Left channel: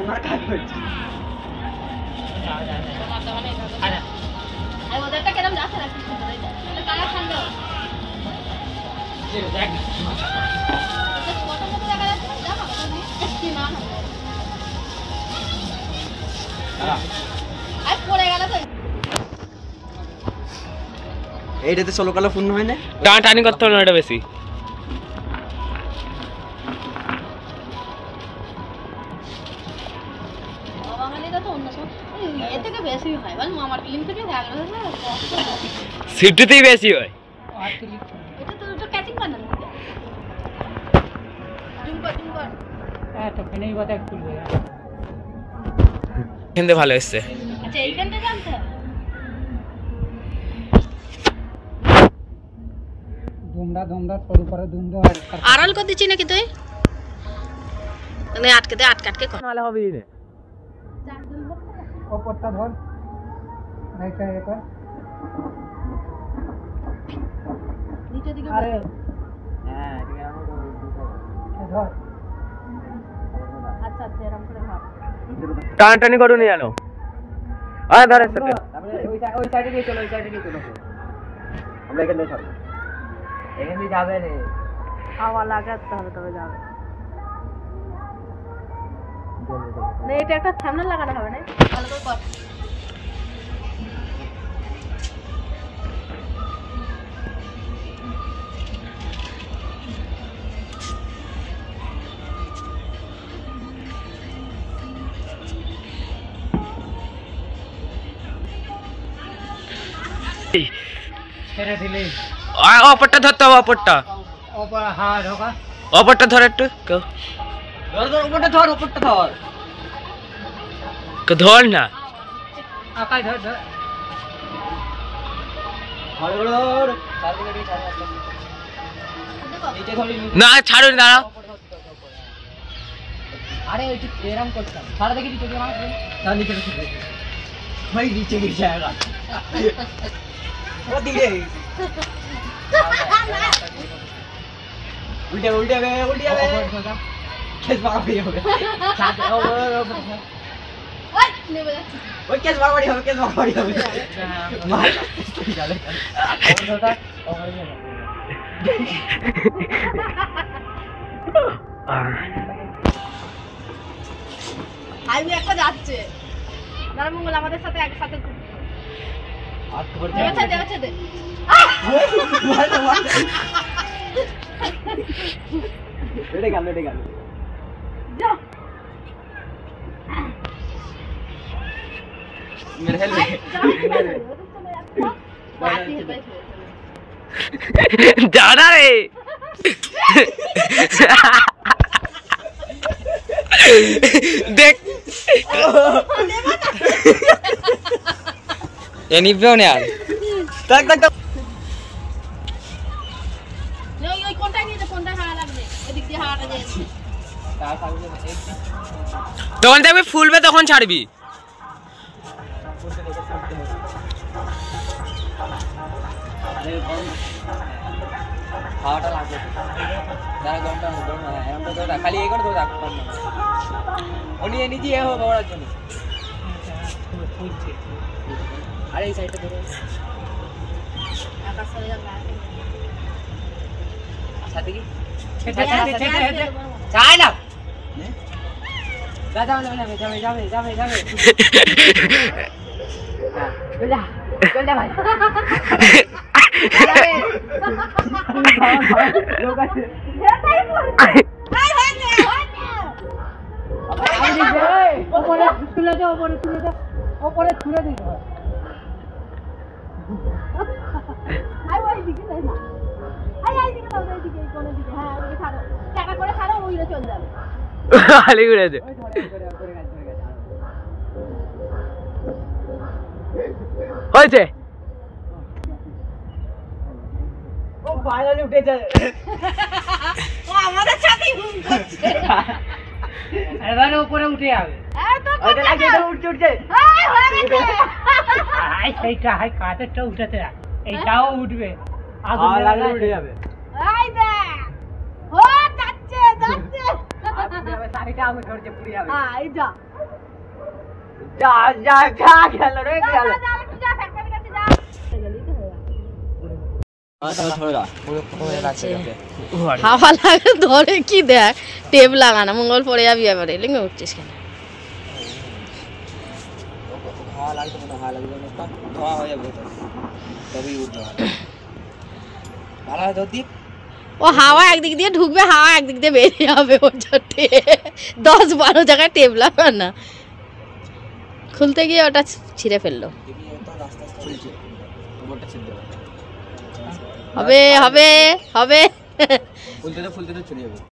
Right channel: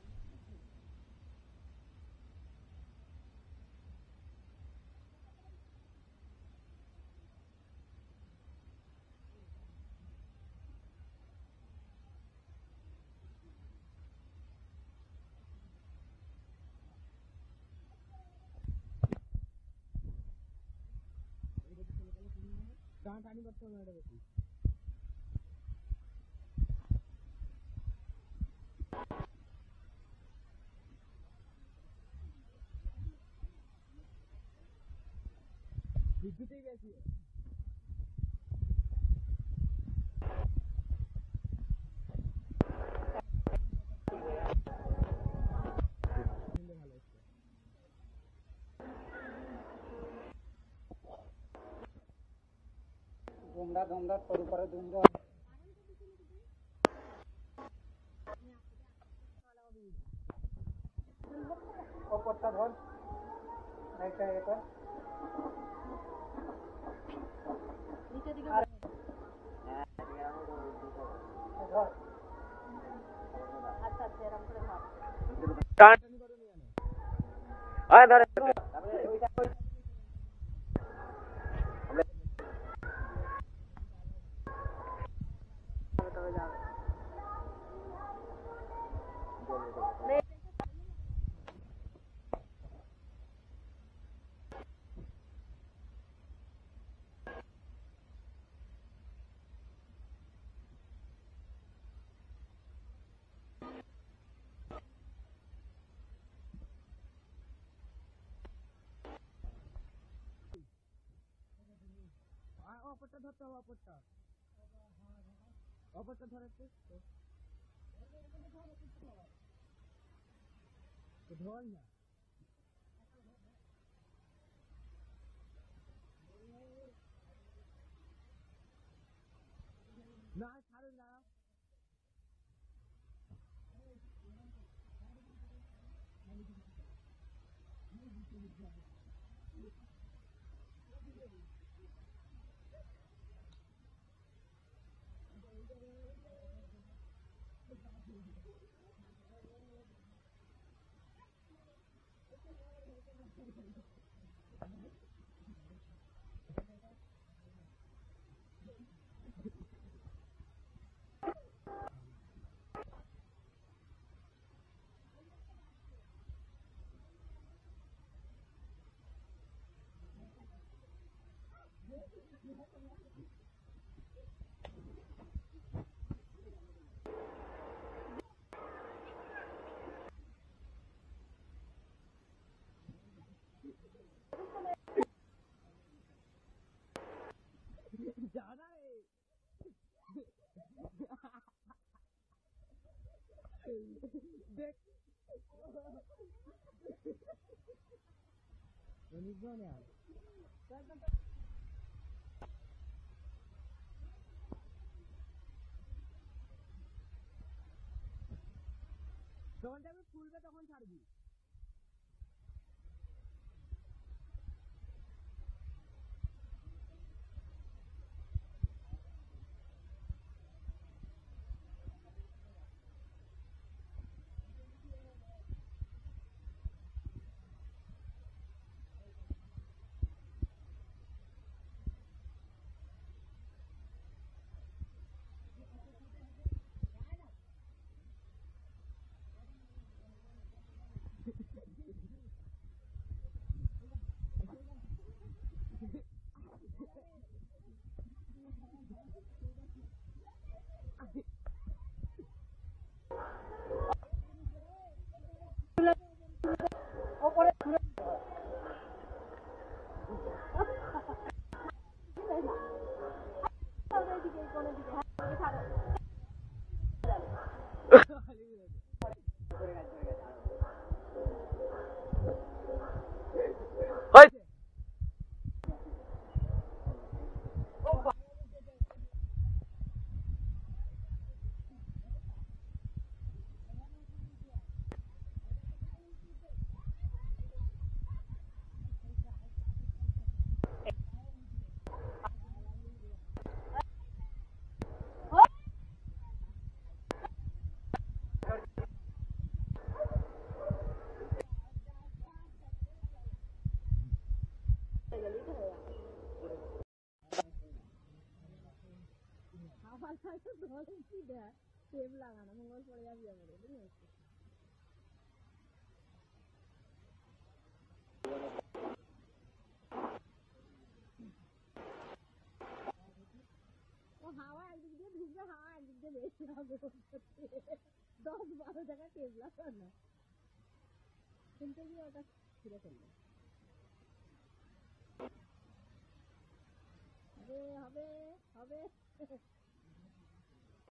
তোমার কাজ হচ্ছে আর ওদেরটা কেমন যাচ্ছে না কিছু করে এটা কালা খান্ড এই দেখ কত কত টাকা যাচ্ছে জানো কি না আর পড়ে গেল তো এইটাতে 16 কালা পূর্ণ হয় না টানাটানি করতে হবে না এটা বেশি সিফটিতেই বেশি হয় এখানে ভালো এসছে আড়াল করে দিচ্ছি নাকি তুই আটকে দে আটকে ভালো হবে রে ওপরটা ধর এইটা এটা নিচে দিকে আরে হ্যাঁ ঠিক আছে ধর আচ্ছা আচ্ছা এরকম করে ধর টানাটানি করো নি জানো আরে ধরে সাথে তারপরে ওই সাইডে দিয়ে চলো ওই সাইডে দিয়ে চলো আমরা এখানে সব এখানে যাবে রে হাওয়া লাগাতে হবে তবে যাবে না এটা একটা সামনে লাগানো হবে না ভালো করে কর ছেড়ে দিলে অপরটা ধরতে হবে অপরটা ওপর হ্যাঁ ঢোকা অপরটা ধর একটু ধর ধর ওপরটা ধর ধর না আকাশ ধর ধর ধর ধর চারদিকে দিয়ে ছাড় নিচে ধরি না ছাড়ুন দাঁড়াও আরে ওই এরকম করতাম সারা দেখি চোখে মার না নিচে রেখে ভাই নিচে गिर जाएगा वो धीरे उल्टे उल्टे वे केस बराबरी हो गया साथ ओ ওই নেবে যাচ্ছে वो केस बराबरी हो गया मार चले হাইওয়ে একটা যাচ্ছে নারামঙ্গল আমাদের সাথে একসাথে हाथ ऊपर দেওয়া দে लेटे गया যা मेरे हेल দাঁড়া রে দেখ এ নিবেও না আর tak ওই কোনটা নিয়ে কোনটা হাওয়া লাগবে এদিক দিয়ে হাওয়াটা যায় তখন দেখবি ফুলবে তখন ছাড়বি হাওয়াটা লাগবে যারা গমটা হলো না এমনটা তো খালি এই করে তো রাখ উনি নিজে এ হবে ওড়ার জন্য আরে এই সাইডটা ধরো আকাশ চলে যাবে সাথে কি ছেটে চাই না যাবে চল যা ভাই লোক আছে ওপরে তুলে দে ওপরে তুলে দে আই ওই দিকে যাই না আই দিকে দাও এই দিকে কোন দিকে হ্যাঁ ওই ছাড়ো টাকা করে ছাড়ো ওইরে চলে যাবে খালি ঘুরে দে হয়েছে ও ফাইনালি উঠেছে ও আমাদের সাথেই ঘুম করছে এবারে উপরে উঠে যাবে এত ওটা লাগে এটা উঠছে এই হয়ে গেছে হাই সেইটা হাই কাঁচেরটা উঠেছে এইটাও উঠবে আগুন লাগলে উঠে যাবে এই দেখ ও যাচ্ছে সারিটা আগুন ধরছে পুড়ে যাবে হ্যাঁ এই যা যা যা যা গেল রে যা, গেল যা, যা, একটু যা, ফ্যাক্টরির কাছে যা। গেলেই তো হয়ে গেল। হাওয়া লাগে ধরে কি দেখ টেপ লাগানো মঙ্গল পড়ে যাবি এবারে লিঙ্গে উঠছিস কেন হাওয়া লাগতো না, হাওয়া লাগবে না, ধোয়া হয়ে যাবে তো, তবেই উঠতে হবে। ভালো হয় তোর দিক। ও হাওয়া একদিক দিয়ে ঢুকবে হাওয়া একদিক দিয়ে বেরিয়ে যাবে ওর জন্য 10-12 জায়গায় টেপ লাগানো খুলতে গিয়ে ওটা ছিঁড়ে ফেললো দেখি তো আস্তে আস্তে খুলছে, বোর্ডটা ছিঁড়তে হবে। হবে হবে হবে ফুলতে তো ছড়িয়ে যাবে।